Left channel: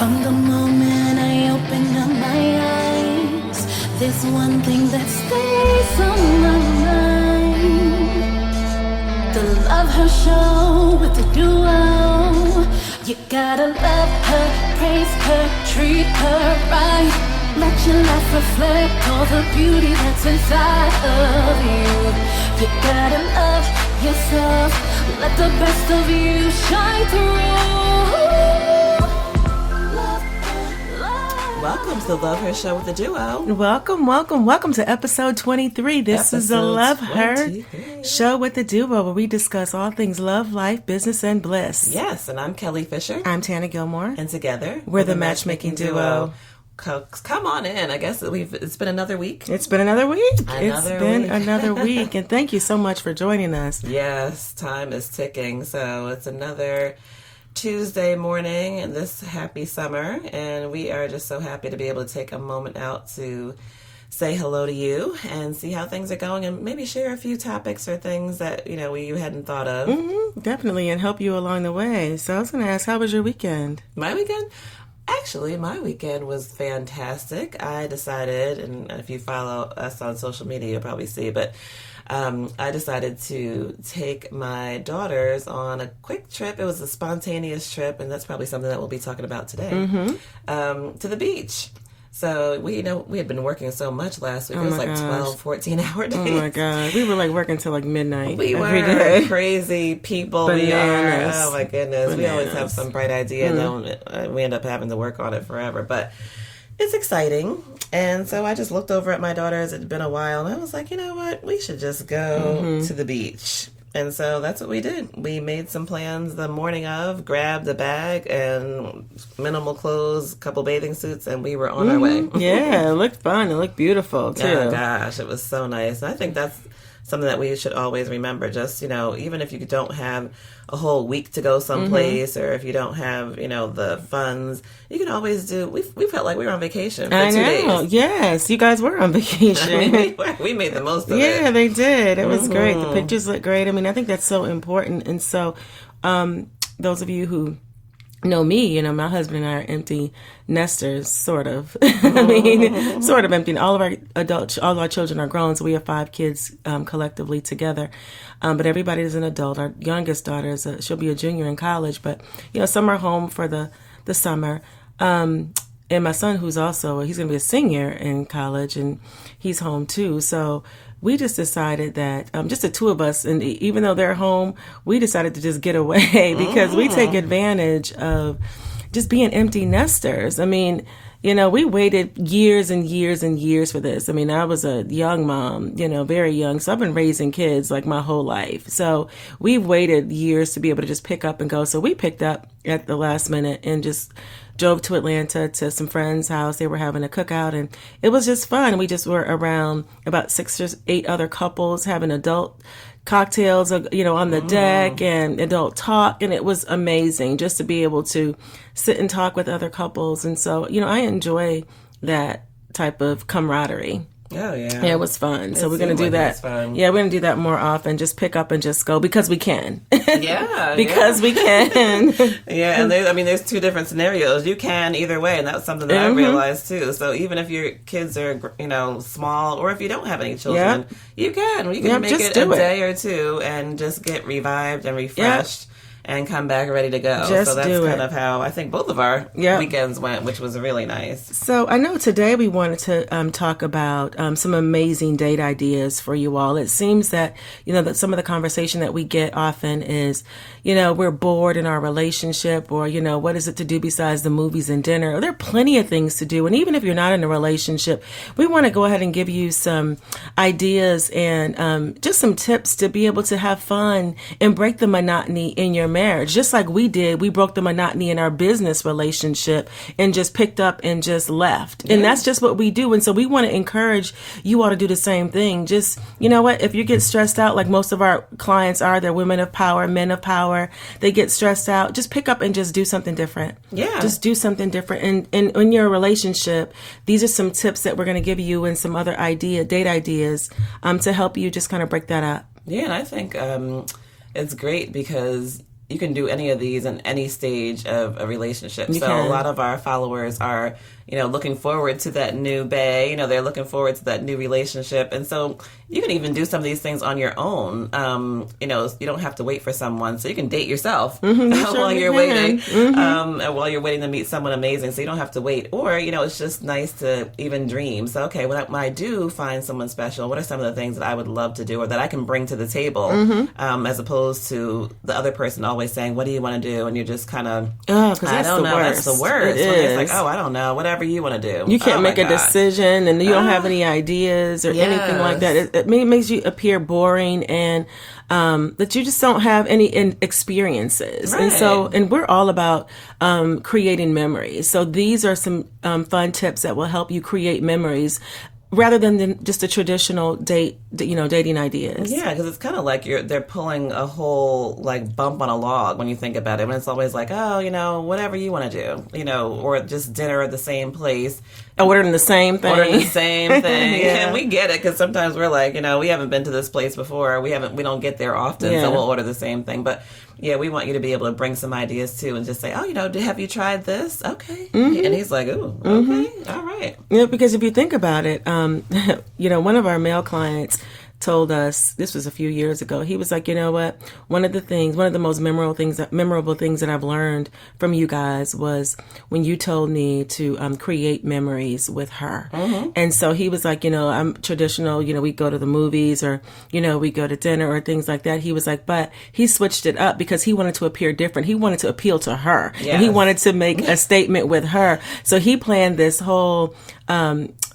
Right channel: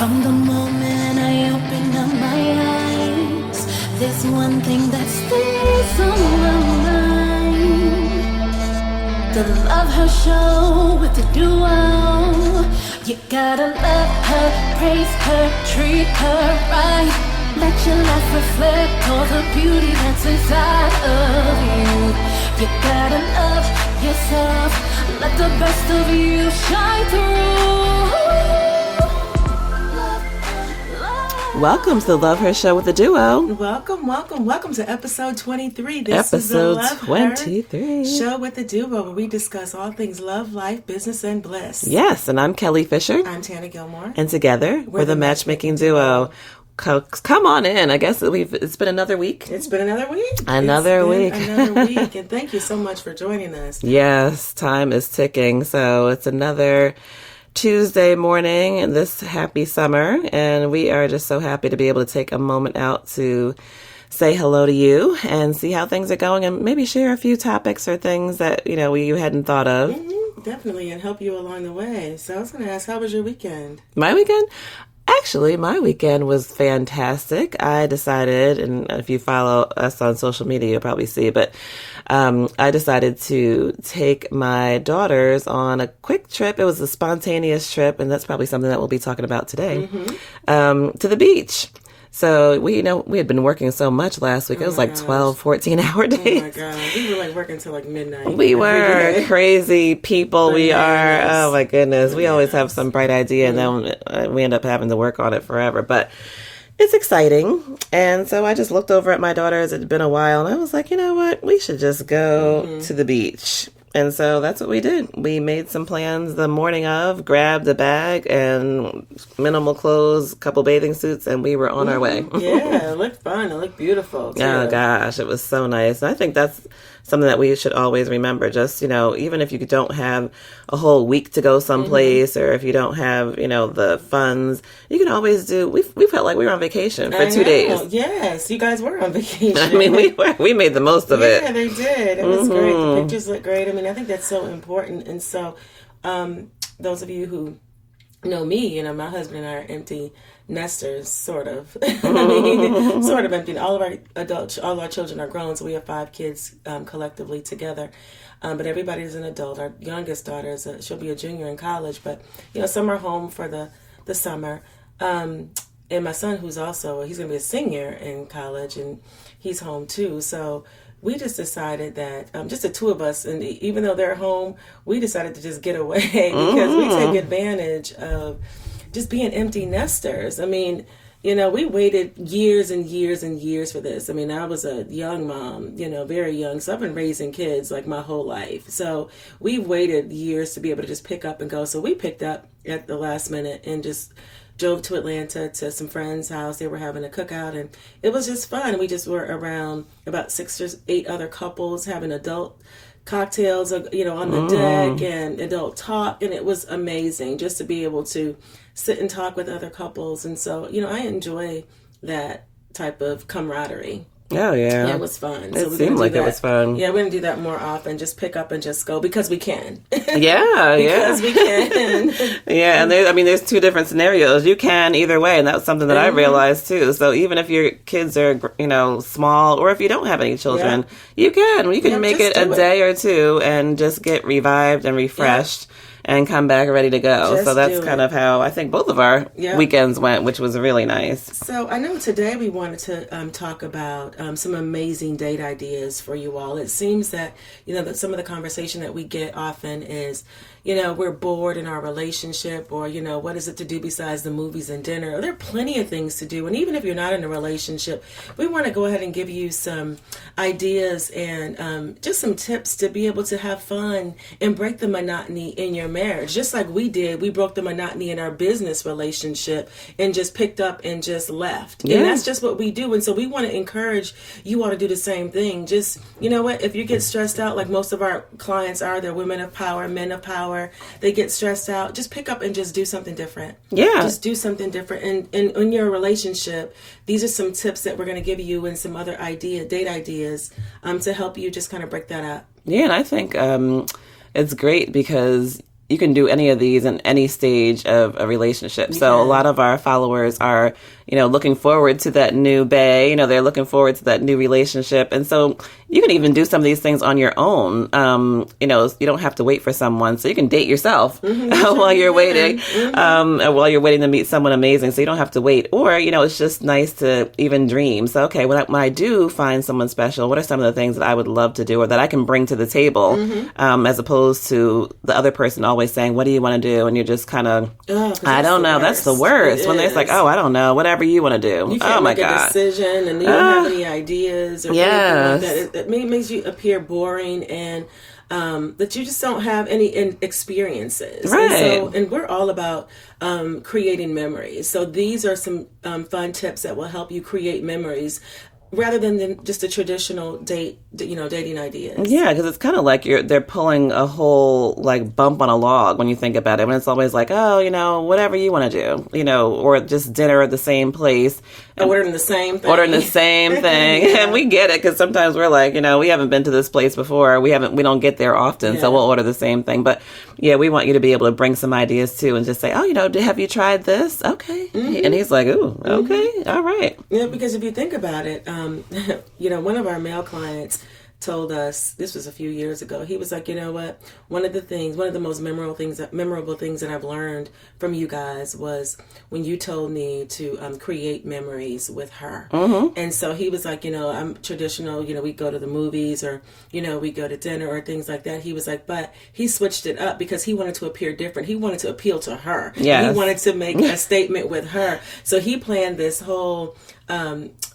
From the moment I open up my eyes, there's one thing that stays on my mind. The Love Her Show with the duo. You gotta love her, praise her, treat her right. Let your life reflect all the beauty that's inside of you. You gotta love yourself, let the best of you shine through. Welcome to the Love Her Show with the duo. Welcome to episode 23. This is the Love 23. Her Show with the duo, where we discuss all things love, life, business, and bliss. Yes, and I'm Kelly Fisher. I'm Tana Gilmore. And together, we're the matchmaking duo. Come on in. I guess it's been another week. It's been another week. Another week. And thank you so much for joining us. Yes, time is ticking. So it's another Tuesday morning in this happy summer, and we are just so happy to be able to take a moment out to say hello to you and see how things are going, and maybe share a few topics or things that you hadn't thought of. Mm-hmm, definitely, and help you along the way. So I was going to ask, how was your weekend? My weekend? Actually, my weekend was fantastic. I decided, and if you follow us on social media, you'll probably see, but I decided to take my daughters on a quick trip. It was a spontaneous trip, and that's probably something that we'll be talking about today, to the beach. So we had been working so much last week. It was like 12, 14-hour days. Oh my God. We were like working till like midnight. We were crazy people. Bananas. We are. Oh my goodness. Bananas. We always have some bright idea and then we end up having to work on it forever. But it's exciting. And so I just looked over at my daughters. It had been a while. And I was like, you know what? We should just go to the beach. And so that's what we did. We made some plans the morning of, grabbed a bag and minimal clothes, a couple bathing suits, and we were on our way. Yeah, it looked fun. It looked beautiful, too. Oh, gosh, it was so nice. And I think that's something that we should always remember. Just, even if you don't have a whole week to go someplace, or if you don't have, the funds, you can always do. We felt like we were on vacation for 2 days. Yes, you guys were on vacation. I mean, we made the most of it. Yeah, they did. It was great. The pictures look great. I mean, I think that's so important. And so, those of you who know me, my husband and I are empty nesters, sort of. I mean, sort of empty. All of our children are grown, so we have 5 kids collectively together. But everybody is an adult. Our youngest daughter she'll be a junior in college, but some are home for the summer. And my son, he's going to be a senior in college, and he's home too. So we just decided that just the two of us, and even though they're home, we decided to just get away because we take advantage of just being empty nesters. I mean, we waited years and years and years for this. I mean, I was a young mom, very young. So I've been raising kids like my whole life. So we waited years to be able to just pick up and go. So we picked up at the last minute and just drove to Atlanta to some friends' house. They were having a cookout, and it was just fun. We just were around about 6 or 8 other couples having adult cocktails, on the deck and adult talk. And it was amazing just to be able to sit and talk with other couples. And so, I enjoy that type of camaraderie. Oh, yeah. Yeah, it was fun. So we're going to do that. It was fun. Yeah, we're going to do that more often. Just pick up and just go because we can. Yeah. Because we can. Yeah, and there's 2 different scenarios. You can either way, and that's something that I realized too. So even if your kids are, small, or if you don't have any children, you can. You can make it a day or 2 and just get revived and refreshed. Yeah. And come back ready to go. So that's kind of how I think both of our weekends went, which was really nice. So I know today we wanted to talk about some amazing date ideas for you all. It seems that, that some of the conversation that we get often is, we're bored in our relationship, or, what is it to do besides the movies and dinner? There are plenty of things to do. And even if you're not in a relationship, we want to go ahead and give you some ideas and just some tips to be able to have fun and break the monotony in your marriage. Just like we did, we broke the monotony in our business relationship and just picked up and just left. Yeah. And that's just what we do. And so we want to encourage you all to do the same thing. Just, if you get stressed out, like most of our clients are, they're women of power, men of power, they get stressed out, just pick up and just do something different. Yeah. Just do something different. And in your relationship, these are some tips that we're going to give you and some other date ideas to help you just kind of break that up. Yeah, and I think it's great because you can do any of these in any stage of a relationship. So a lot of our followers are, looking forward to that new bae. They're looking forward to that new relationship. And so you can even do some of these things on your own. You don't have to wait for someone. So you can date yourself while you're waiting, and while you're waiting to meet someone amazing. So you don't have to wait. Or, it's just nice to even dream. So, okay, when I do find someone special, what are some of the things that I would love to do or that I can bring to the table, as opposed to the other person always saying, what do you want to do? And you're just kind of, I don't know. That's the worst. When they're like, I don't know, whatever you want to do. You can't make a decision and you don't have any ideas or anything like that. It makes you appear boring and that you just don't have any experiences. Right. And we're all about creating memories. So these are some fun tips that will help you create memories rather than just a traditional dating ideas. Yeah, because it's kind of like they're pulling a whole bump on a log when you think about it. When it's always like, whatever you want to do, or just dinner at the same place. Ordering the same thing. Ordering the same thing. Yeah. And we get it because sometimes we're like, we haven't been to this place before. We don't get there often, so we'll order the same thing. But yeah, we want you to be able to bring some ideas too and just say, have you tried this? Okay. Mm-hmm. And he's like, ooh, okay, all right. Yeah, because if you think about it, one of our male clients told us, this was a few years ago, he was like, what? One of the most memorable things that I've learned from you guys was when you told me to create memories with her. Mm-hmm. And so he was like, I'm traditional, we go to the movies or, we go to dinner or things like that. He was like, but he switched it up because he wanted to appear different. He wanted to appeal to her. Yes. And he wanted to make a statement with her. So he planned this whole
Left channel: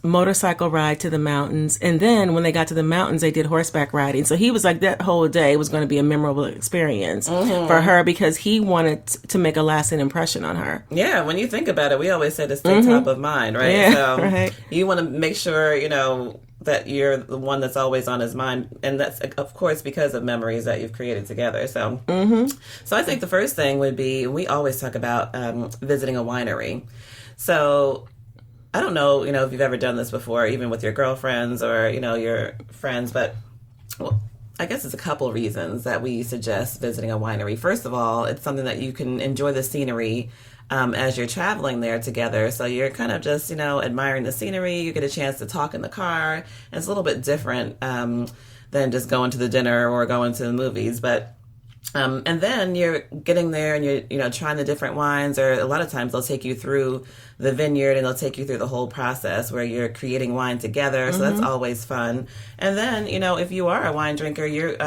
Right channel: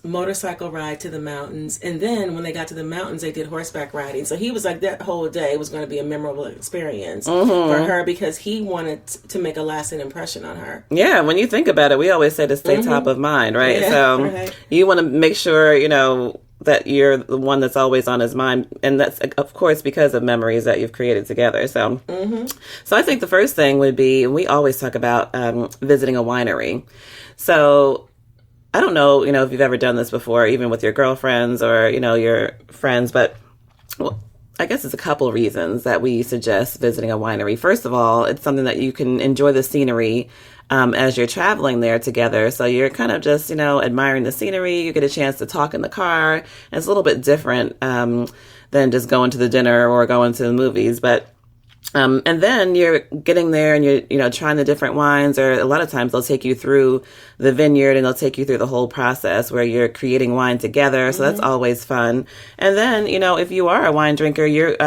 motorcycle ride to the mountains, and then when they got to the mountains they did horseback riding. So he was like, that whole day was going to be a memorable experience for her because he wanted to make a lasting impression on her. Yeah, when you think about it, we always say to stay top of mind, right? Yeah, so you want to make sure that you're the one that's always on his mind, and that's of course because of memories that you've created together. So so I think the first thing would be, we always talk about visiting a winery. So I don't know, if you've ever done this before, even with your girlfriends or, your friends, but I guess it's a couple reasons that we suggest visiting a winery. First of all, it's something that you can enjoy the scenery as you're traveling there together. So you're kind of just, admiring the scenery. You get a chance to talk in the car. And it's a little bit different than just going to the dinner or going to the movies. But and then you're getting there and you're, trying the different wines, or a lot of times they'll take you through the vineyard and they'll take you through the whole process where you're creating wine together. So that's always fun. And then, if you are a wine drinker, you're,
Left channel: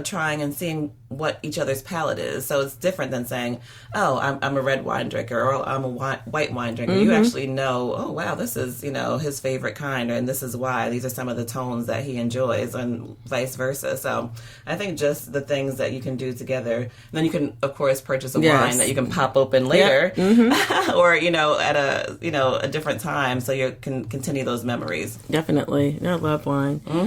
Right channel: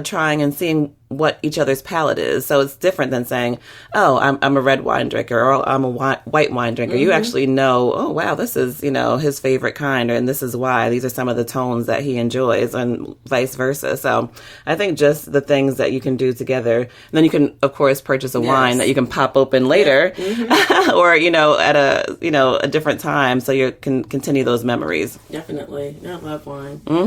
trying and seeing what each other's palate is. So it's different than saying, oh, I'm a red wine drinker or I'm a white wine drinker. You actually know, oh, wow, this is, his favorite kind, and this is why. These are some of the tones that he enjoys, and vice versa. So I think just the things that you can do together. And then you can, of course, purchase a wine that you can pop open later or, at a different time, so you can continue those memories. Definitely. I love wine. Pile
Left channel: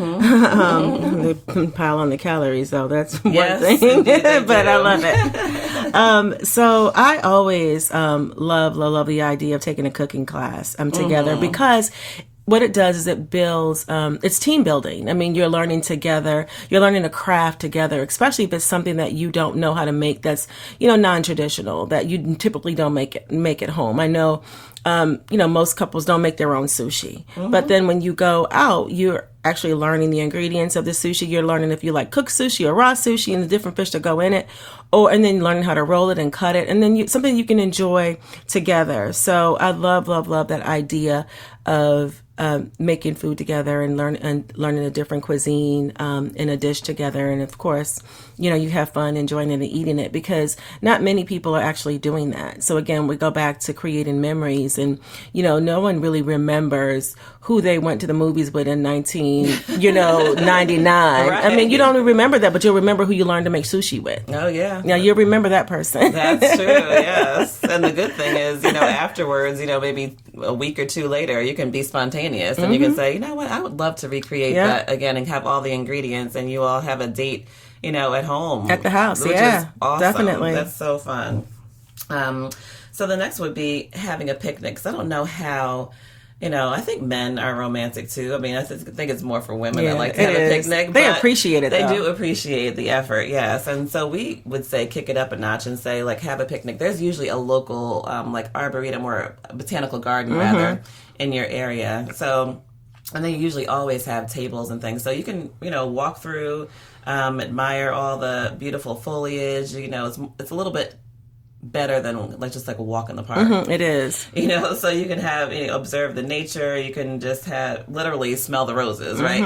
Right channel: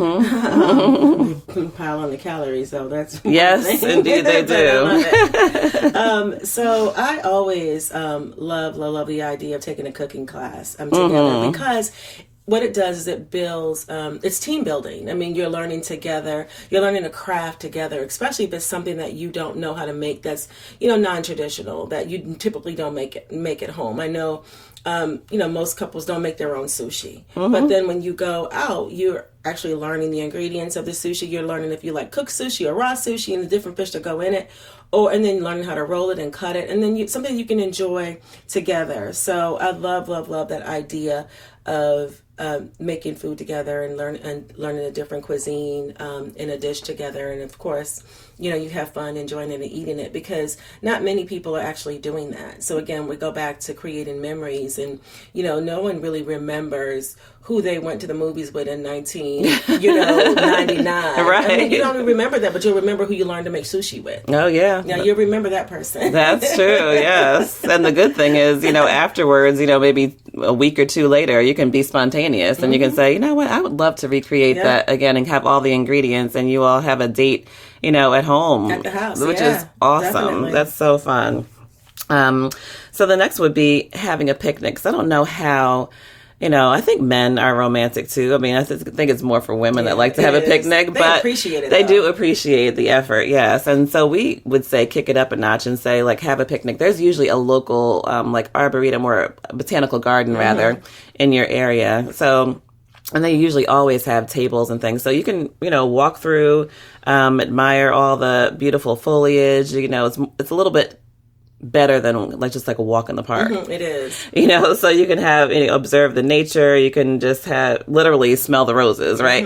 on the calories, though. That's one thing. Indeed, they do. But I love it. So I always love the idea of taking a cooking class together because what it does is it builds, it's team building. I mean, you're learning together, you're learning a craft together, especially if it's something that you don't know how to make that's, non-traditional, that you typically don't make at home. I know, most couples don't make their own sushi, but then when you go out, you're actually learning the ingredients of the sushi. You're learning if you like cooked sushi or raw sushi and the different fish that go in it, and then learning how to roll it and cut it, and then something you can enjoy together. So I love that idea of making food together and learning a different cuisine in a dish together. And of course, you have fun enjoying it and eating it, because not many people are actually doing that. So again, we go back to creating memories, and no one really remembers who they went to the movies with in 1999. Right. I mean, you don't remember that, but you'll remember who you learned to make sushi with. Oh yeah. Now you'll remember that person. That's true. Yes. And the good thing is, afterwards, maybe a week or two later, you can be spontaneous and you can say, what, I would love to recreate that again and have all the ingredients, and you all have a date, at home. At the house. Which is awesome. Definitely. That's so fun. So the next would be having a picnic. So I don't know how I think men are romantic too. I mean, I think it's more for women that like to have a picnic, they but appreciate it. They do appreciate the effort, yes. And so we would say kick it up a notch and say like have a picnic. There's usually a local like arboretum or a botanical garden rather in your area. So, and they usually always have tables and things. So you can walk through, admire all the beautiful foliage. It's a little bit better than just like a walk in the park. It is. So you can have, observe the nature. You can just have, literally smell the roses, right?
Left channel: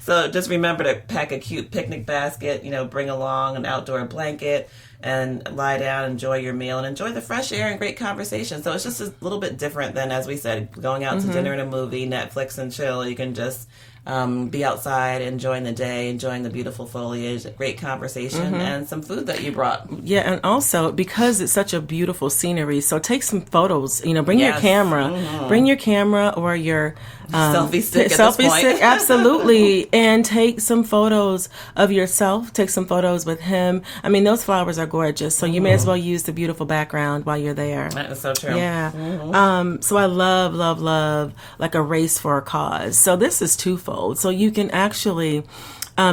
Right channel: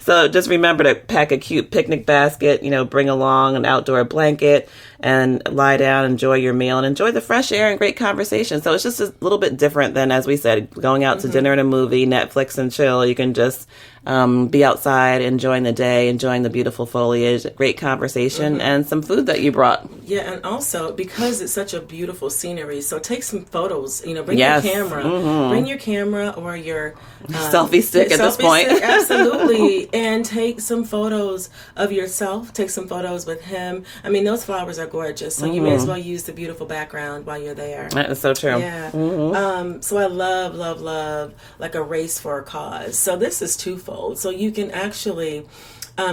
So just remember to pack a cute picnic basket, bring along an outdoor blanket and lie down, enjoy your meal and enjoy the fresh air and great conversation. So it's just a little bit different than, as we said, going out to dinner and a movie, Netflix and chill. You can just be outside, enjoying the day, enjoying the beautiful foliage, great conversation, and some food that you brought. Yeah, and also because it's such a beautiful scenery, so take some photos. Bring your camera, bring your camera or your selfie stick at this point. Stick, absolutely, and take some photos of yourself. Take some photos with him. I mean, those flowers are gorgeous, so you may as well use the beautiful background while you're there. That is so true. Yeah. So I love like a race for a cause. So this is twofold. So you can actually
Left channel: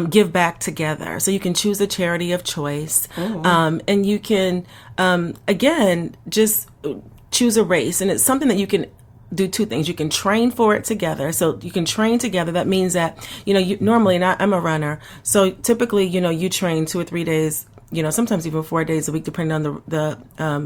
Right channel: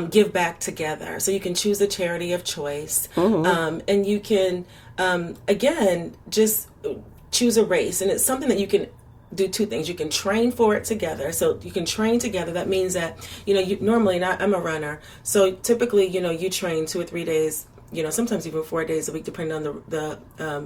give back together. So you can choose a charity of choice. And you can, again, just choose a race. And it's something that you can do two things. You can train for it together. So you can train together. That means that, you normally, and I'm a runner. So typically, you train 2 or 3 days, sometimes even 4 days a week, depending on the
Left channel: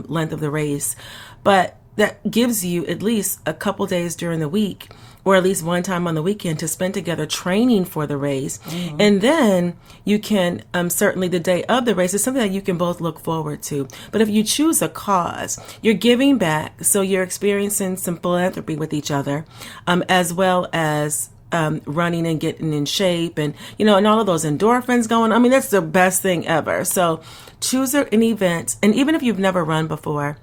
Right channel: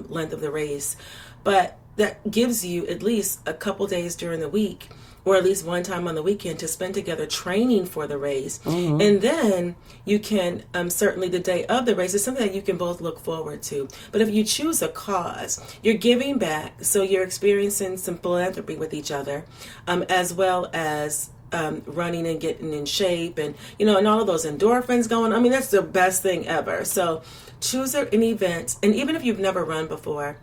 length of the race. But that gives you at least a couple days during the week, or at least one time on the weekend, to spend together training for the race. And then you can, certainly the day of the race is something that you can both look forward to. But if you choose a cause, you're giving back. So you're experiencing some philanthropy with each other, as well as running and getting in shape and, and all of those endorphins going. I mean, that's the best thing ever. So choose an event. And even if you've never run before,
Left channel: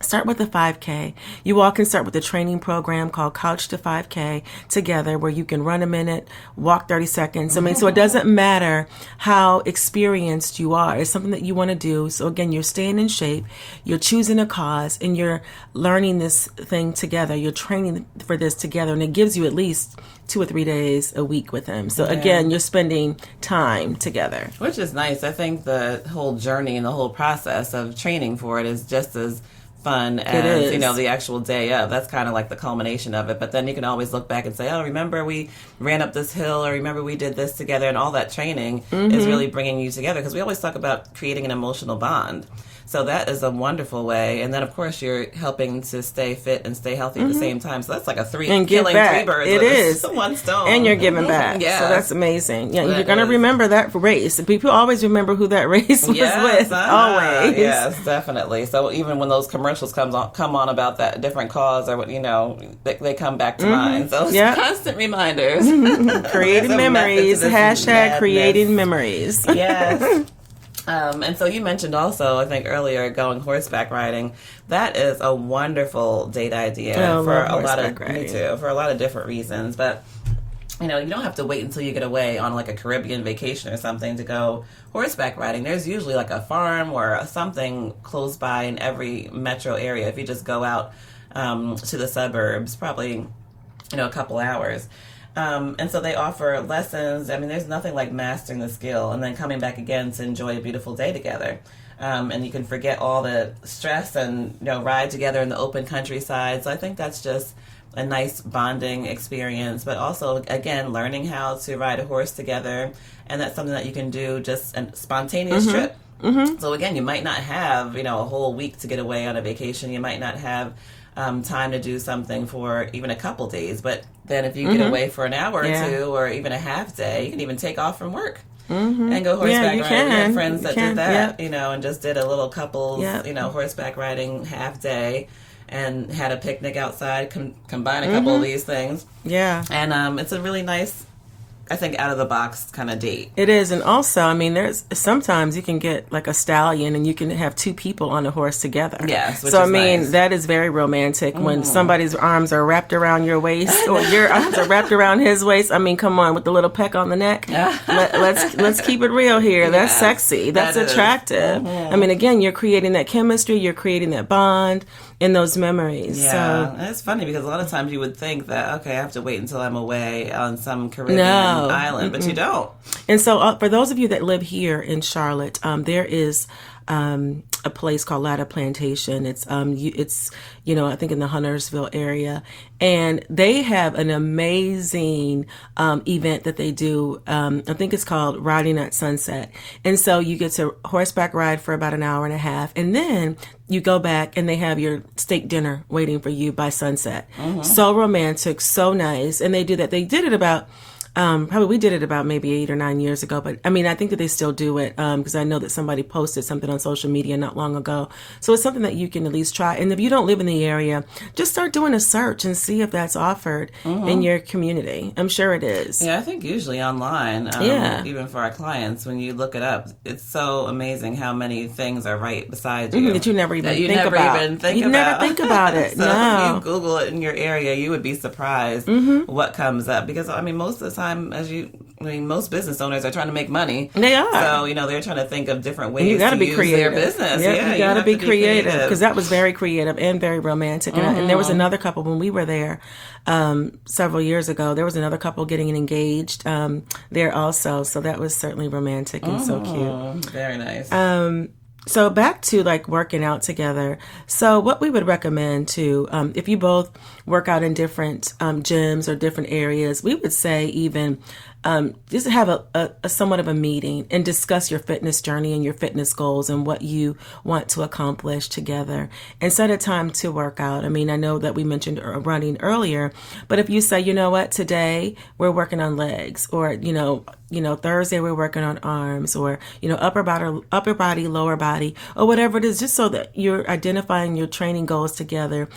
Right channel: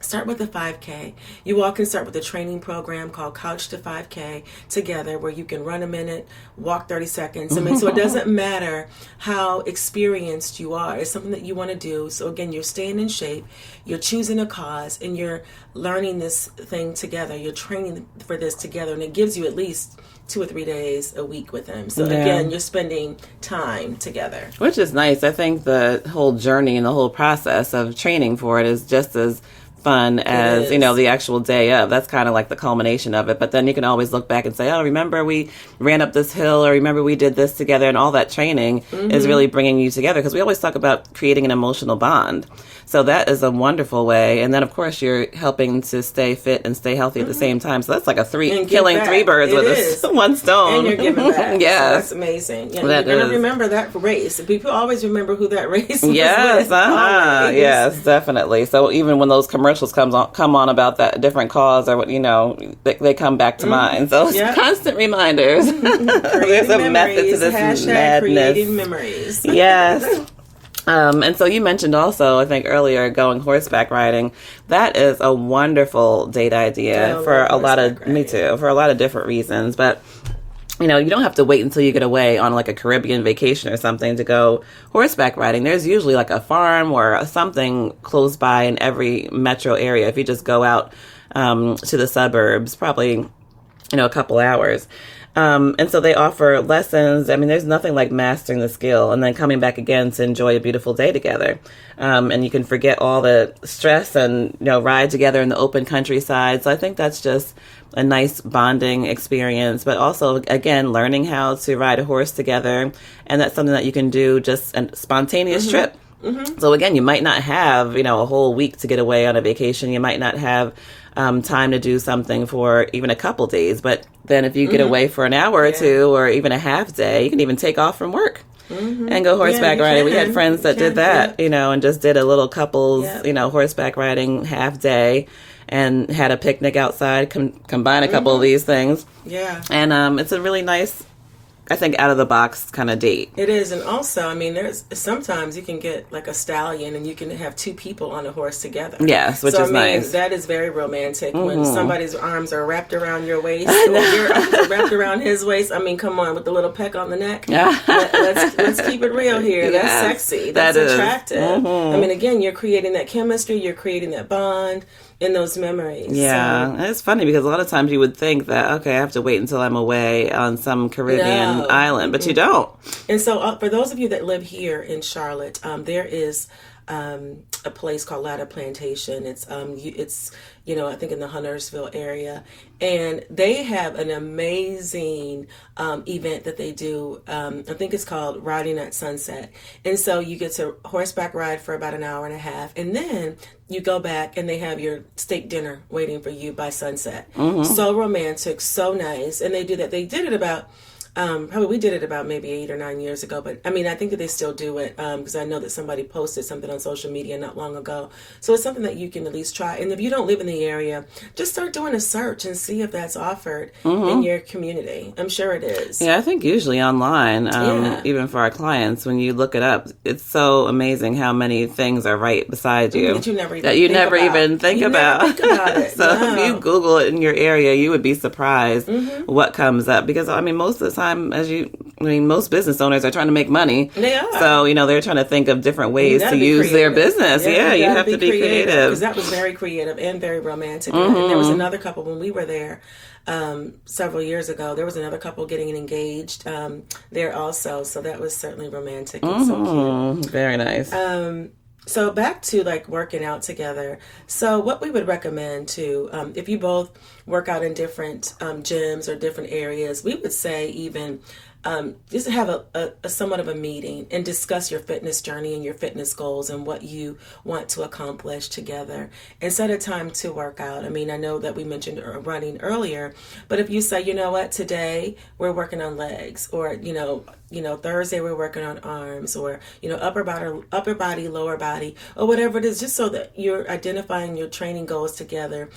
start with a 5K. You all can start with a training program called Couch to 5K together, where you can run a minute, walk 30 seconds. I mean, so it doesn't matter how experienced you are. It's something that you want to do. So again, you're staying in shape, you're choosing a cause, and you're learning this thing together. You're training for this together, and it gives you at least 2 or 3 days a week with him. So again, you're spending time together. Which is nice. I think the whole journey and the whole process of training for it is just as fun as the actual day of. That's kind of like the culmination of it. But then you can always look back and say, oh, remember we ran up this hill, or remember we did this together. And all that training is really bringing you together, because we always talk about creating an emotional bond. So that is a wonderful way. And then, of course, you're helping to stay fit and stay healthy at the same time. So that's like killing 3 birds with one stone. And you're giving back. Yeah. So that's amazing. Yeah, you're going to remember that race. People always remember who that race was with. Always. Yes, definitely. So even when those commercials come on about that different cause, or what, they come back to mind. So it's constant reminders. Creating memories. Hashtag creating memories. Yes. And so you mentioned also, I think earlier, going horseback riding. That is a wonderful date idea for a lot of, me too, for a lot of different reasons. But, you don't have to wait until you get away on like a Caribbean vacation or something to go horseback riding. There's usually like a farm or something close by in every metro area. If you just go out to the suburbs, probably, a couple hours. And so they offer lessons. I mean, there's nothing like mastering the skill and then coming back again to enjoy a beautiful day together. And you can forget all the stress and, ride together in the open countryside. So I think that's just a nice bonding experience, but also, again, learning how to ride a horse together. And that's something that you can do just a spontaneous trip. So again, you might not have, a whole week to get away on a vacation. You might not have time to do something for even a couple days. But then if you get away for an hour or two, or even a half day, you can even take off from work and go horseback riding. We had friends that did that, and just did a little couples, horseback riding half day and had a picnic outside, combine a couple of these things. Yeah. And it's a really nice I think, out of the box kind of date. It is. And also, I mean, there's sometimes you can get like a stallion and you can have two people on a horse together. Yes, which is nice. That is very romantic when somebody's arms are wrapped around your waist or your arms are wrapped around his waist. I mean, come on, with the little peck on the neck. Let's keep it real here. Yes, that's sexy. That's attractive. I mean, again, you're creating that chemistry. You're creating that bond in those memories. Yeah. And it's funny because a lot of times you would think that, okay, I have to wait until I'm away on some Caribbean island, but you don't. And so for those of you that live here in Charlotte, there is a place called Ladder Plantation. It's I think in the Huntersville area, and they have an amazing event that they do. I think it's called Riding at Sunset, and so you get to horseback ride for about an hour and a half, and then you go back and they have your steak dinner waiting for you by sunset. So romantic, so nice, and they do that. They did it about. Probably we did it about maybe 8 or 9 years ago, but I mean, I think that they still do it because I know that somebody posted something on social media not long ago. So it's something that you can at least try. And if you don't live in the area, just start doing a search and see if that's offered in your community. I'm sure it is. Yeah, I think usually online, even for our clients, when you look it up, it's so amazing how many things are right beside you that you never even think about. Never think about it. So if you Google it in your area, you would be surprised what comes up because I mean, most of the time, most business owners are trying to make money. They are. So, they're trying to think of different ways to use their business. Yeah, you have to be creative. Because that was very creative and very romantic. And there was another couple when we were there several years ago. There was another couple getting engaged there also. So that was certainly romantic and so cute. Very nice. So back to like working out together. So what we would recommend to, if you both work out in different gyms or different areas, we would say even just have a somewhat of a meeting and discuss your fitness journey and your fitness goals and what you want to accomplish together and set a time to work out. I mean, I know that we mentioned running earlier, but if you say, you know what, today we're working on legs or, Thursday we're working on arms or, upper body, lower body, or whatever it is, just so that you're identifying your training goals together.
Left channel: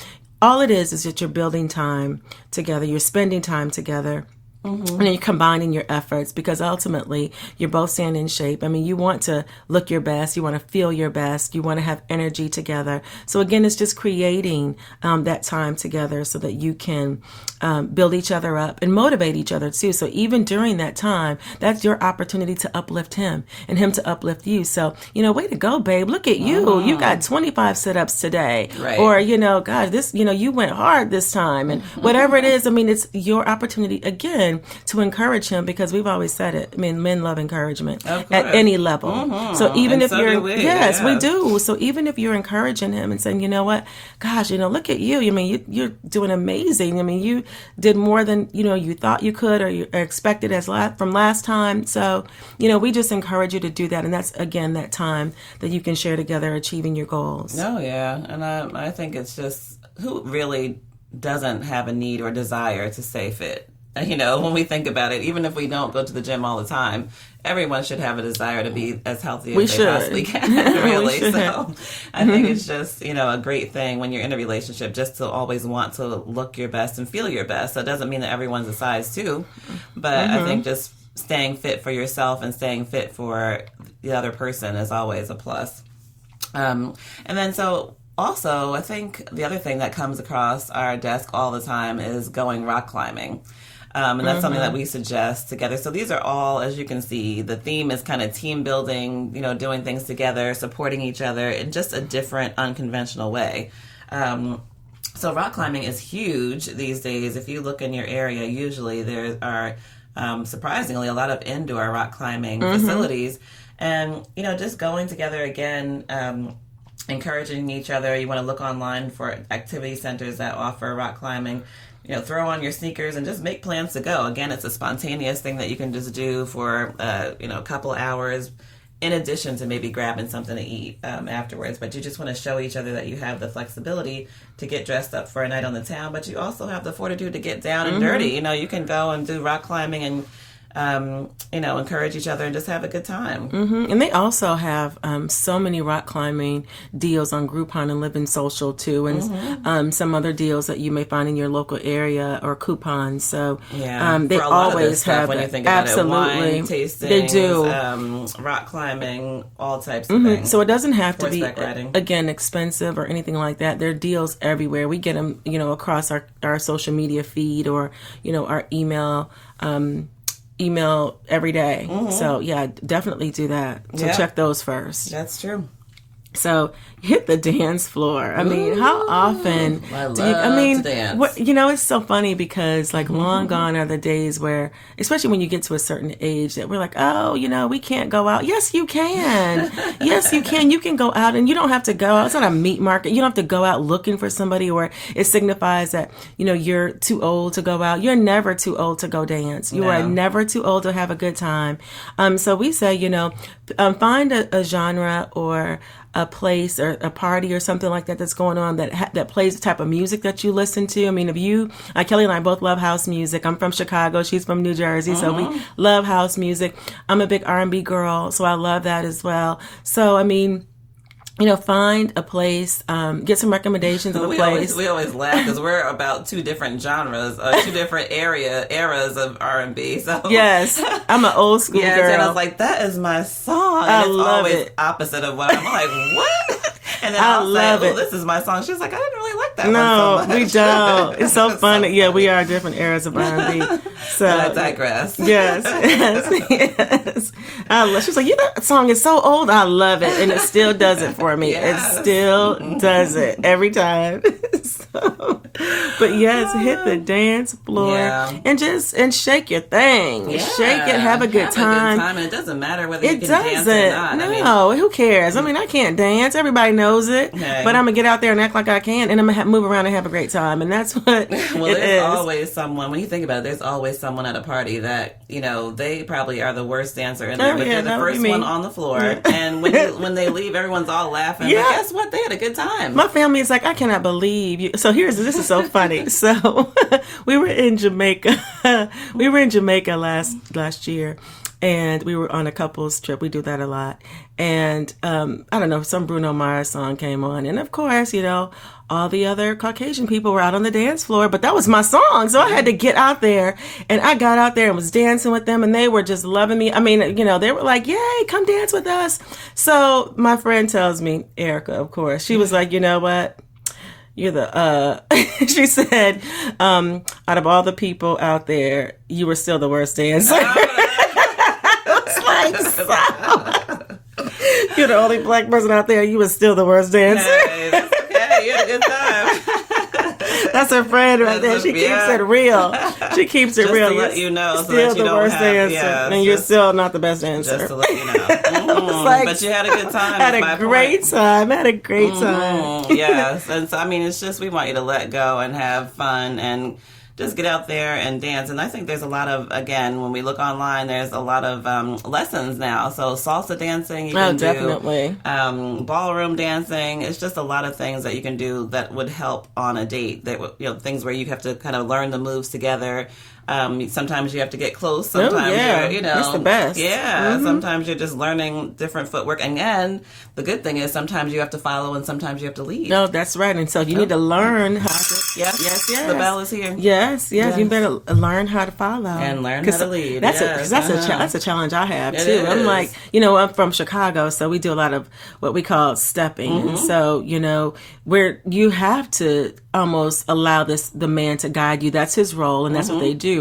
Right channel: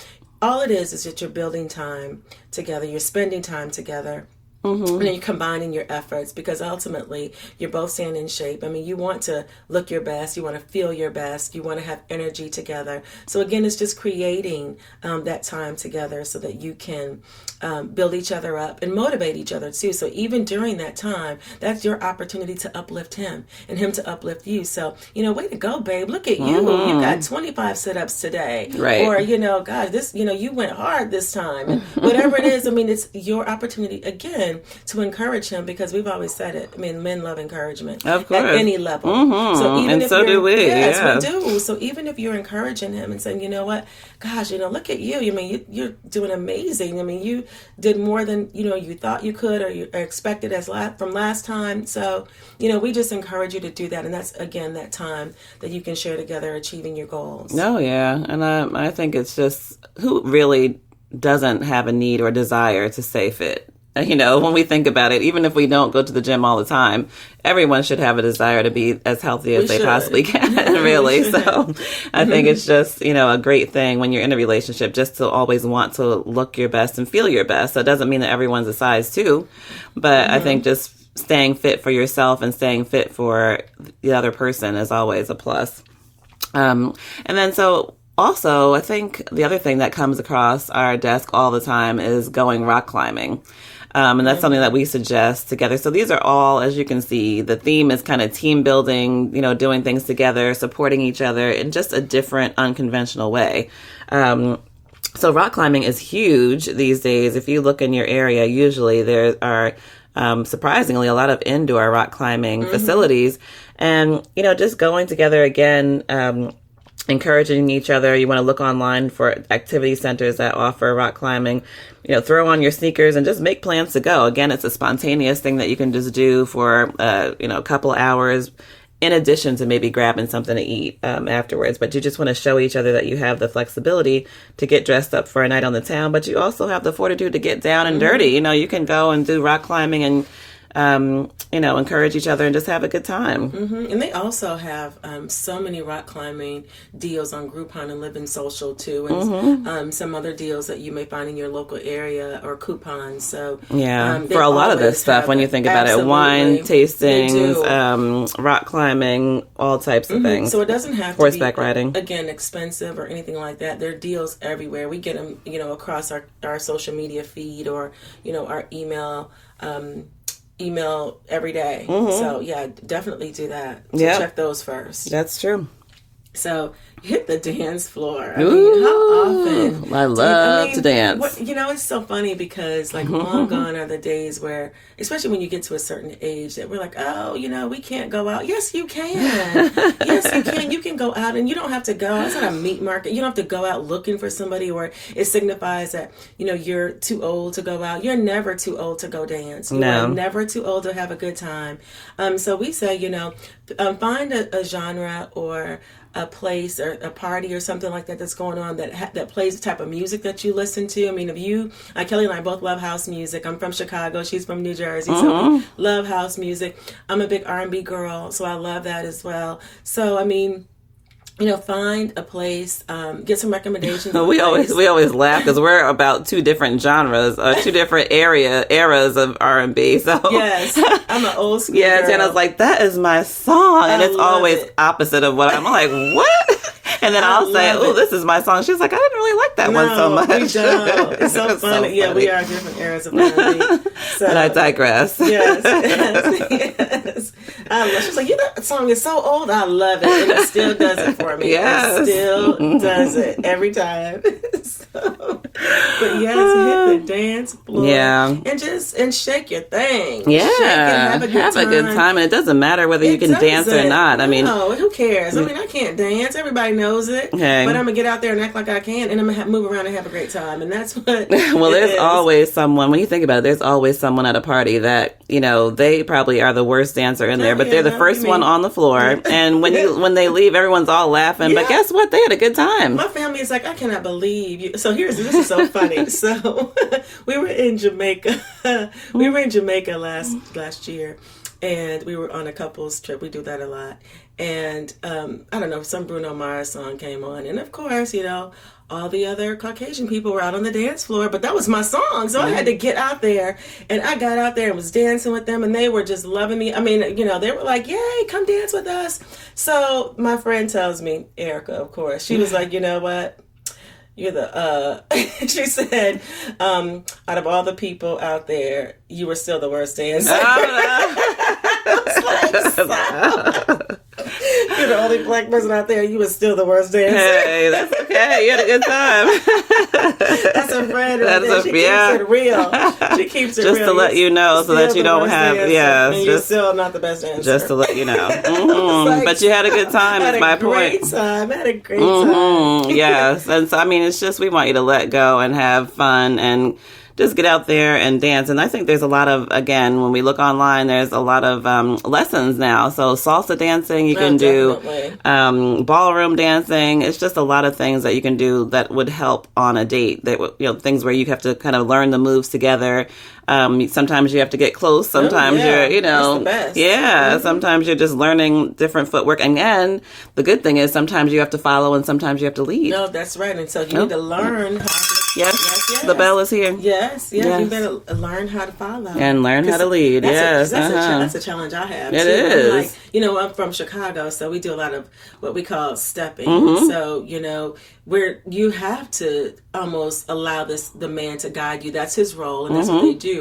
All it is that you're building time together. You're spending time together. And then you're combining your efforts because ultimately you're both staying in shape. I mean, you want to look your best. You want to feel your best. You want to have energy together. So again, it's just creating that time together so that you can build each other up and motivate each other too. So even during that time, that's your opportunity to uplift him and him to uplift you. So, way to go, babe. Look at you. You got 25 sit-ups today. Right. Or, God, this, you went hard this time. And whatever it is, I mean, it's your opportunity again to encourage him because we've always said it. I mean, men love encouragement at any level. So even if do we. Yes, we do. So even if you're encouraging him and saying, you know what, gosh, look at you. I mean, you're doing amazing. I mean, you did more than, you thought you could or you expected from last time. So, we just encourage you to do that. And that's, again, that time that you can share together achieving your goals. Oh, yeah. And I think it's just who really doesn't have a need or desire to stay fit? When we think about it, even if we don't go to the gym all the time, everyone should have a desire to be as healthy as they possibly can, really. So I think it's just, a great thing when you're in a relationship just to always want to look your best and feel your best. So it doesn't mean that everyone's a size 2, but I think just staying fit for yourself and staying fit for the other person is always a plus. And then so also, I think the other thing that comes across our desk all the time is going rock climbing. And that's something that we suggest together. So these are all, as you can see, the theme is kind of team building, doing things together, supporting each other in just a different, unconventional way. So rock climbing is huge these days. If you look in your area, usually there are surprisingly a lot of indoor rock climbing facilities. And, just going together again, encouraging each other. You want to look online for activity centers that offer rock climbing. Throw on your sneakers and just make plans to go. Again, it's a spontaneous thing that you can just do for, a couple hours in addition to maybe grabbing something to eat afterwards. But you just want to show each other that you have the flexibility to get dressed up for a night on the town, but you also have the fortitude to get down and dirty. You can go and do rock climbing and encourage each other and just have a good time. Mm-hmm. And they also have so many rock climbing deals on Groupon and Living Social too, and some other deals that you may find in your local area or coupons. So for a lot of this stuff, when you think about it, wine tastings, rock climbing, all types of things. So it doesn't have to be horseback riding, again, expensive or anything like that. There are deals everywhere. We get them, across our social media feed or our email every day. So definitely do that. So check those first. That's true. So hit the dance floor. I mean, how often? I love to dance. It's so funny because long gone are the days where, especially when you get to a certain age, that we're like, oh, we can't go out. Yes, you can. Yes, you can. You can go out, and you don't have to go out. It's not a meat market. You don't have to go out looking for somebody, or it signifies that you're too old to go out. You're never too old to go dance. You are never too old to have a good time. So we say, find a genre or a place or a party or something like that that's going on that plays the type of music that you listen to. I mean, if you, Kelly and I both love house music. I'm from Chicago. She's from New Jersey. So we love house music. I'm a big R&B girl, so I love that as well. So, I mean, find a place, get some recommendations. We always laugh because we're about two different genres, two different eras of R&B. So yes, I'm an old school girl. And I was like, that is my song, and it's always opposite of what I'm like. What? And then I'll say, oh, this is my song. She's like, I didn't really like that one so much. We don't. It's so funny. Yeah, we are different eras of R&B. So, but I digress. Yes. I love. She's like, that song is so old. I love it, and it still does it for me. Yes. It still does it every time. But yes, hit the dance floor. And shake your thing. Yeah. Shake it. Have a good time. And it doesn't matter whether you can dance or not. I mean, who cares? I mean, I can't dance. Everybody knows it. Okay. But I'm gonna get out there and act like I can, and I'm gonna move around and have a great time. And that's what. Well, there's always someone. When you think about it, there's always someone at a party that they probably are the worst dancer in there, but they're the first one on the floor. And when they leave, everyone's all laughing. But guess what? They had a good time. My family is like, I cannot believe you. So this is so funny. So we were in Jamaica. Last year. And we were on a couples trip. We do that a lot. And I don't know, some Bruno Mars song came on. And of course, all the other Caucasian people were out on the dance floor. But that was my song. So I had to get out there. And I got out there and was dancing with them. And they were just loving me. I mean, they were like, yay, come dance with us. So my friend tells me, Erica, of course, she was like, you know what? You're she said, out of all the people out there, you were still the worst dancer. You're the only black person out there. You were still the worst dancer. Hey, that's okay. You had a good time. That's her friend right there. She keeps it real. She keeps it just real. Just to let you know so that you don't have, and you're still not the best dancer. Just to let you know. But you had a good time. Had a great time. Yes. And so, I mean, it's just, we want you to let go and have fun and just get out there and dance. And I think there's a lot of, again, when we look online, there's a lot of lessons now. So salsa dancing, you can do ballroom dancing. It's just a lot of things that you can do that would help on a date. That things where you have to kind of learn the moves together. Sometimes you have to get close. Sometimes you're, that's the best. Yeah. Sometimes you're just learning different footwork. And the good thing is sometimes you have to follow and sometimes you have to lead. No, that's right. And so you need to learn how to. Yes. The bell is here. Yes. You better learn how to follow and learn how to lead. That's a challenge I have too. Is. I'm like, I'm from Chicago, so we do a lot of what we call stepping. So where you have to almost allow the man to guide you. That's his role, and that's what they do.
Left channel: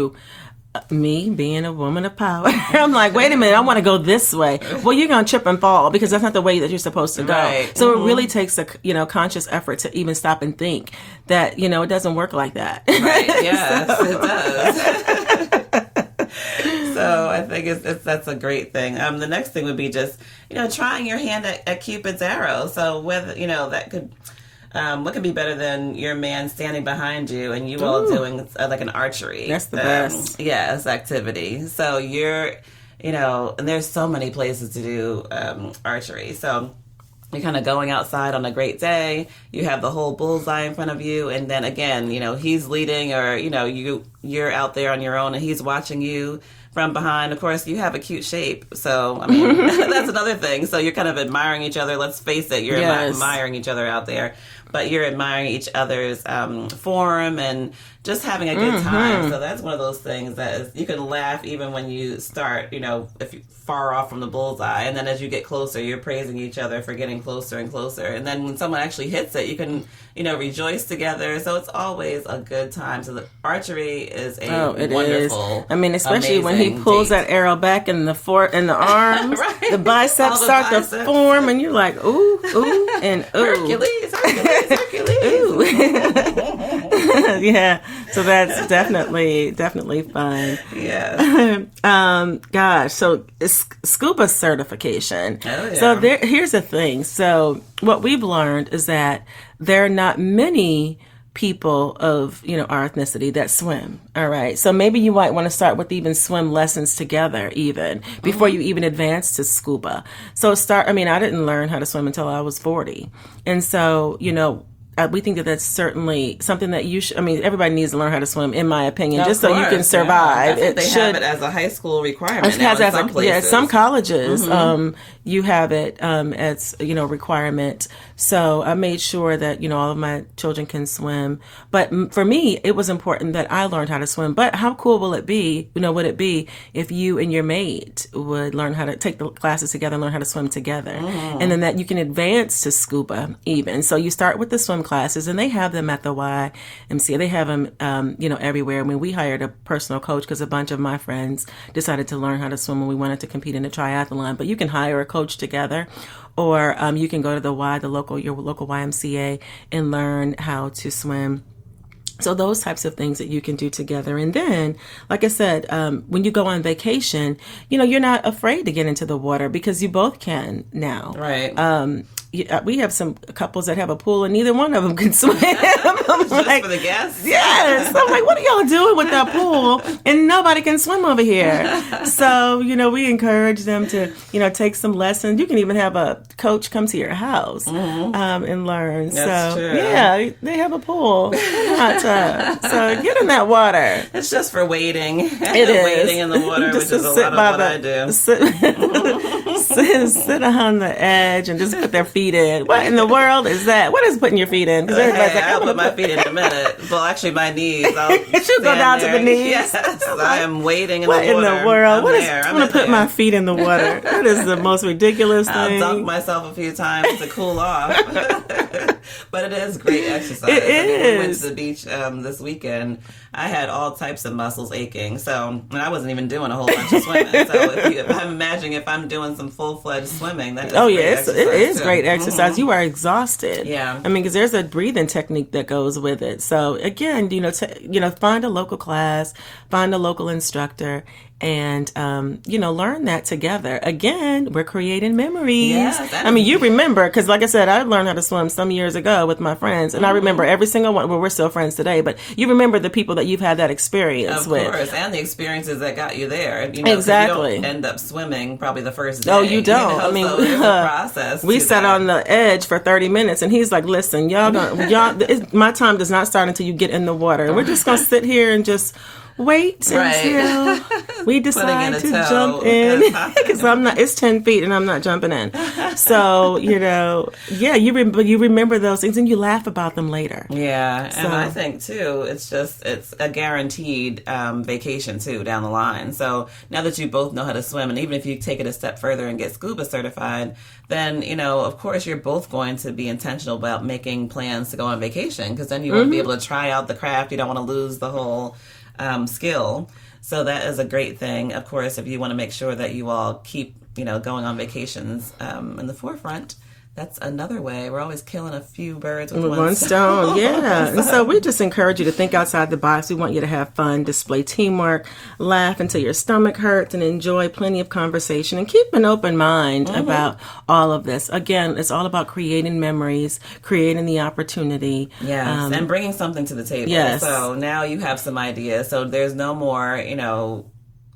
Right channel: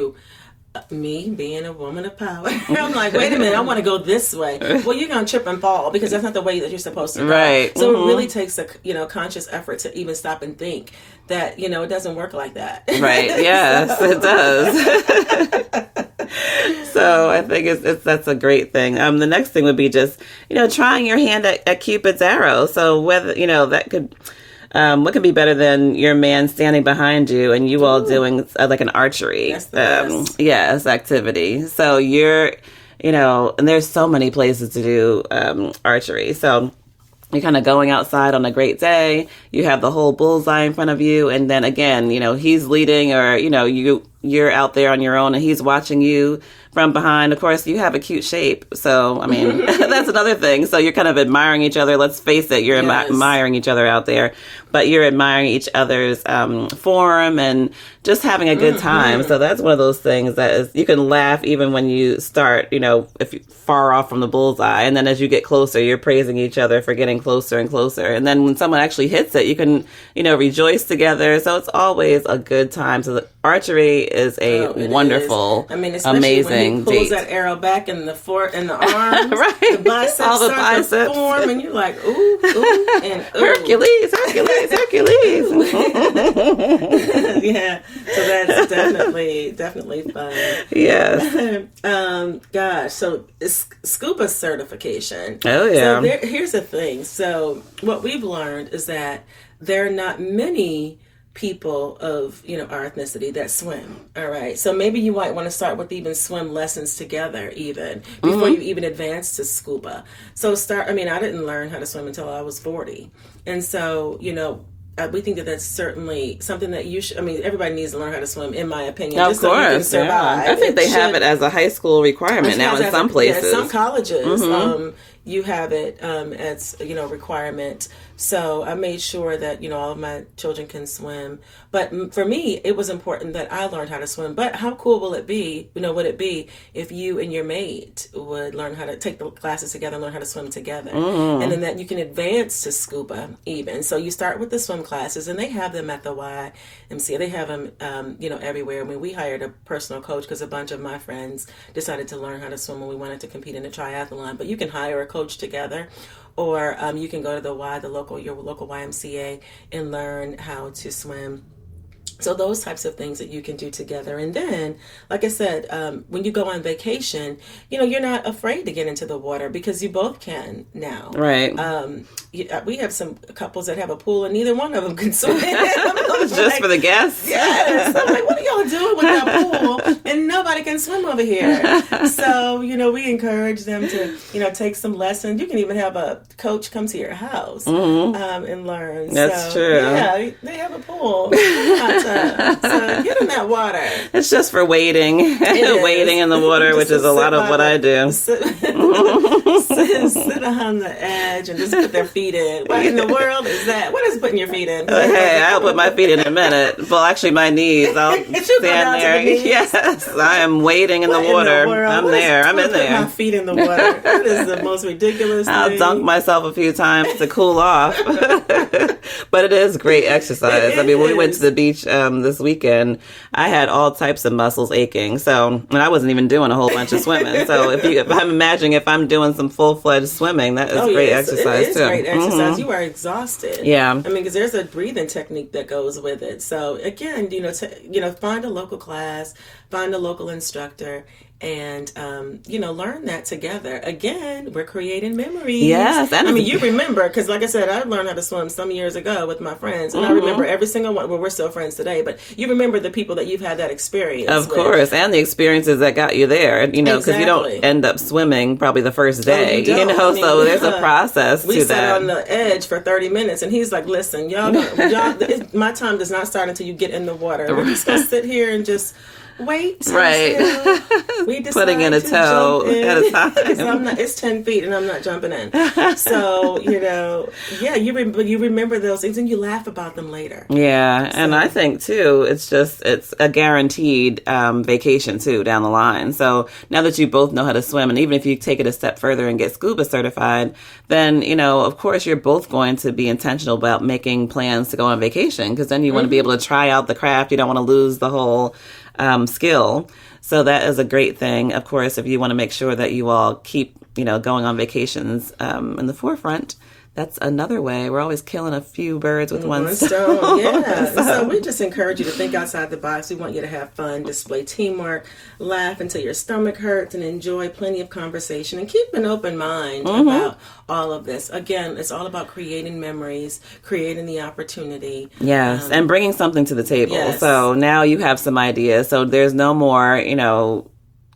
Me being a woman of power, I'm like, wait a minute, I want to go this way. Well, you're gonna trip and fall because that's not the way that you're supposed to go. Right. So it really takes a conscious effort to even stop and think that it doesn't work like that. Right. Yes, it does. So I think that's a great thing. The next thing would be just trying your hand at Cupid's arrow. So whether that could. What can be better than your man standing behind you and you all doing like an archery? That's the best. Yes, activity. So you're, and there's so many places to do archery. So you're kind of going outside on a great day. You have the whole bullseye in front of you. And then again, he's leading or, you you're out there on your own and he's watching you from behind. Of course, you have a cute shape. So, I mean, that's another thing. So you're kind of admiring each other. Let's face it, you're admiring each other out there. But you're admiring each other's form and just having a good time. So that's one of those things that is, you can laugh even when you start, if you're far off from the bullseye. And then as you get closer, you're praising each other for getting closer and closer. And then when someone actually hits it, you can, rejoice together. So it's always a good time. So the archery is a wonderful, especially amazing when he pulls date. that arrow back in the arms, right. the biceps start to form, and you're like, ooh, and ooh. Hercules. Yeah, so that's definitely fun. Yes. Gosh, so scuba certification. Oh yeah. So here's the thing. So what we've learned is that there are not many people of our ethnicity that swim. All right, so maybe you might want to start with even swim lessons together even before you even advance to scuba. So I didn't learn how to swim until I was 40, and so we think that that's certainly something that you should. Everybody needs to learn how to swim, in my opinion, just so you can survive. Yeah. I think they have it as a high school requirement now in some places. Yeah, some colleges, you have it as requirement. So I made sure that all of my children can swim. But for me, it was important that I learned how to swim. But how cool will it be? Would it be if you and your mate would learn how to take the classes together and learn how to swim together, and then that you can advance to scuba even. So you start with the swim classes, and they have them at the YMCA. They have them, everywhere. We hired a personal coach because a bunch of my friends decided to learn how to swim when we wanted to compete in a triathlon. But you can hire a coach together, or you can go to your local YMCA and learn how to swim. So those types of things that you can do together. And then, like I said, when you go on vacation, you're not afraid to get into the water because you both can now. Right. We have some couples that have a pool and neither one of them can swim. Just for the guests? Yes. I'm like, what are y'all doing with that pool? And nobody can swim over here. So, we encourage them to, take some lessons. You can even have a coach come to your house and learn. That's true. Yeah, they have a pool. So get in that water. It's just for wading. Wading in the water, which is a lot of what I do. Sit on the edge and just put their feet in. What in the world is that? What is putting your feet in? Hey, I'll put my feet in a minute. Well, actually, my knees. I'll go down there. To the knees. Yes, I am wading in the water. In the world? I'm in there. Put my feet in the water. That is the most ridiculous thing. I'll dunk myself a few times to cool off. But it is great exercise. When we went to the beach this weekend, I had all types of muscles aching. So, and I wasn't even doing a whole bunch of swimming. So if I'm imagining if I'm doing some full-fledged swimming, that is great exercise. It is great exercise. You are exhausted. Yeah. Because there's a breathing technique that goes with it. So again, find a local class, find a local instructor, and learn that together. Again, we're creating memories. Yes, you remember, because like I said, I learned how to swim some years ago with my friends, and I remember every single one. Well, we're still friends today, but you remember the people that you've had that experience with. Of course, and the experiences that got you there. Because exactly. You don't end up swimming probably the first day. Oh, you don't. So there's a process. We sat on the edge for 30 minutes, and he's like, "Listen, y'all, my time does not start until you get in the water. We're just gonna sit here and just." Wait until we decide putting in a to toe jump in. at a time. Because it's 10 feet and I'm not jumping in. So, you remember those things and you laugh about them later. Yeah. So. And I think too, it's a guaranteed vacation too down the line. So now that you both know how to swim, and even if you take it a step further and get scuba certified, then, of course you're both going to be intentional about making plans to go on vacation, because then you want to be able to try out the craft. You don't want to lose the whole skill. So that is a great thing. Of course, if you want to make sure that you all keep, going on vacations in the forefront, that's another way. We're always killing a few birds with one stone. Yeah. So we just encourage you to think outside the box. We want you to have fun, display teamwork, laugh until your stomach hurts, and enjoy plenty of conversation, and keep an open mind about all of this. Again, it's all about creating memories, creating the opportunity. Yes, and bringing something to the table. Yes. So now you have some ideas. So there's no more,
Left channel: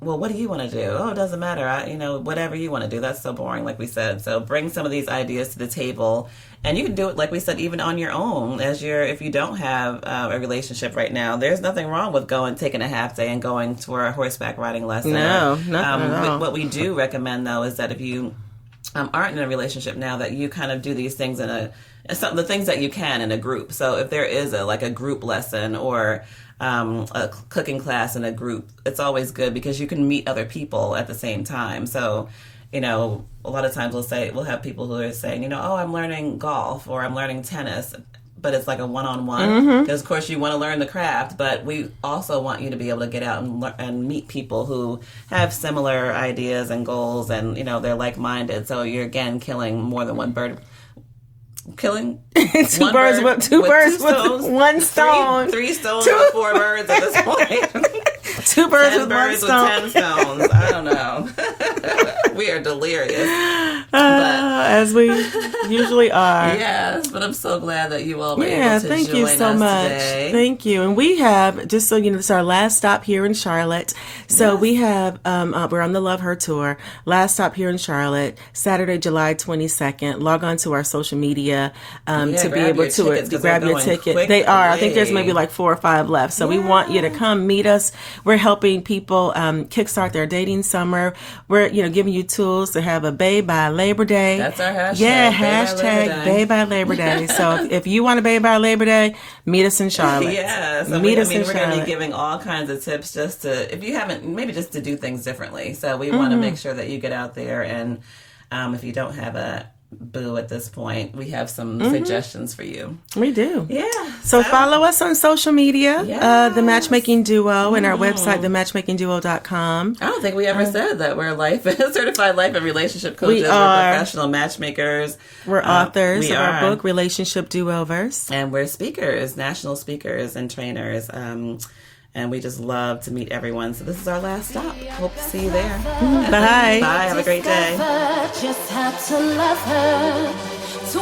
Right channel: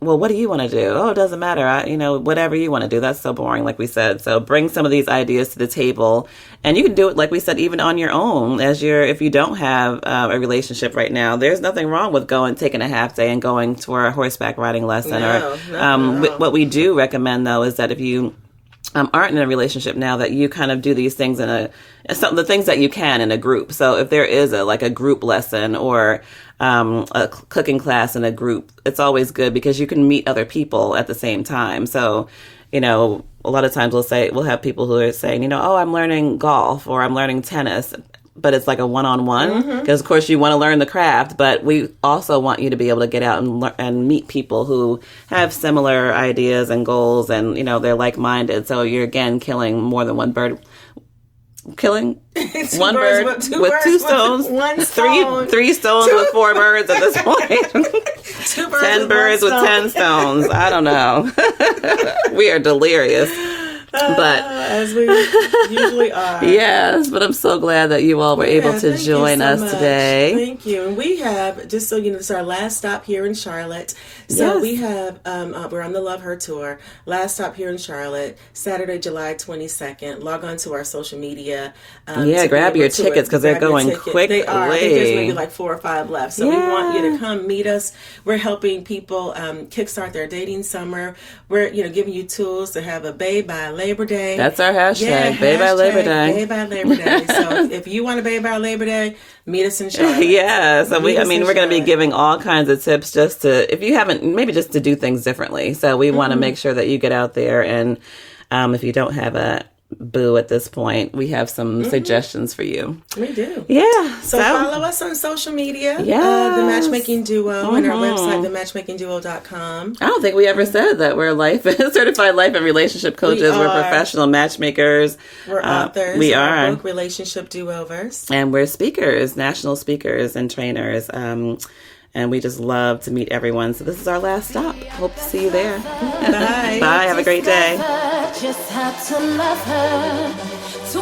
well, what do you want to do? Oh, it doesn't matter. Whatever you want to do. That's so boring, like we said. So bring some of these ideas to the table, and you can do it, like we said, even on your own. If you don't have a relationship right now, there's nothing wrong with taking a half day and going for a horseback riding lesson. No. What we do recommend, though, is that if you aren't in a relationship now, that you kind of do these things the things that you can in a group. So if there is a group lesson or a cooking class in a group, it's always good because you can meet other people at the same time. So, a lot of times we'll have people who are saying, oh, I'm learning golf or I'm learning tennis, but it's like a one-on-one because, of course, you want to learn the craft, but we also want you to be able to get out and meet people who have similar ideas and goals, and, they're like-minded. So you're, again, killing more than one bird. Killing one bird with two stones. One stone. Three stones with 4 birds at this point. 2 birds 10 birds with 10 stones. I don't know. We are delirious. But as we usually are. Yes, but I'm so glad that you all were able to join us today. Thank you. And we have, just so you know, this is our last stop here in Charlotte. So we have, we're on the Love Her Tour. Last stop here in Charlotte, Saturday, July 22nd. Log on to our social media. To grab your tickets because they're going quickly. They are. I think there's maybe like 4 or 5 left. So we want you to come meet us. We're helping people kickstart their dating summer. We're, giving you tools to have a bae by Labor Day. That's our hashtag. Yeah, Bae by Labor Day. Bae by Labor Day. So if you want to bae by Labor Day, meet us in Charlotte. Yeah. So we're going to be giving all kinds of tips just to, if you haven't, maybe just to do things differently. So we want to make sure that you get out there, and if you don't have a boo at this point, we have some suggestions for you. We do. Yeah. So follow us on social media, The Matchmaking Duo, and our website, thematchmakingduo.com. I don't think we ever said that we're certified life and relationship coaches. We're professional matchmakers. We're authors we of are. Our book, Relationship Do-Overs. And we're speakers, national speakers and trainers. And we just love to meet everyone. So this is our last stop. Hope to see you there. Bye. Bye. Have a great day. Just had to love her to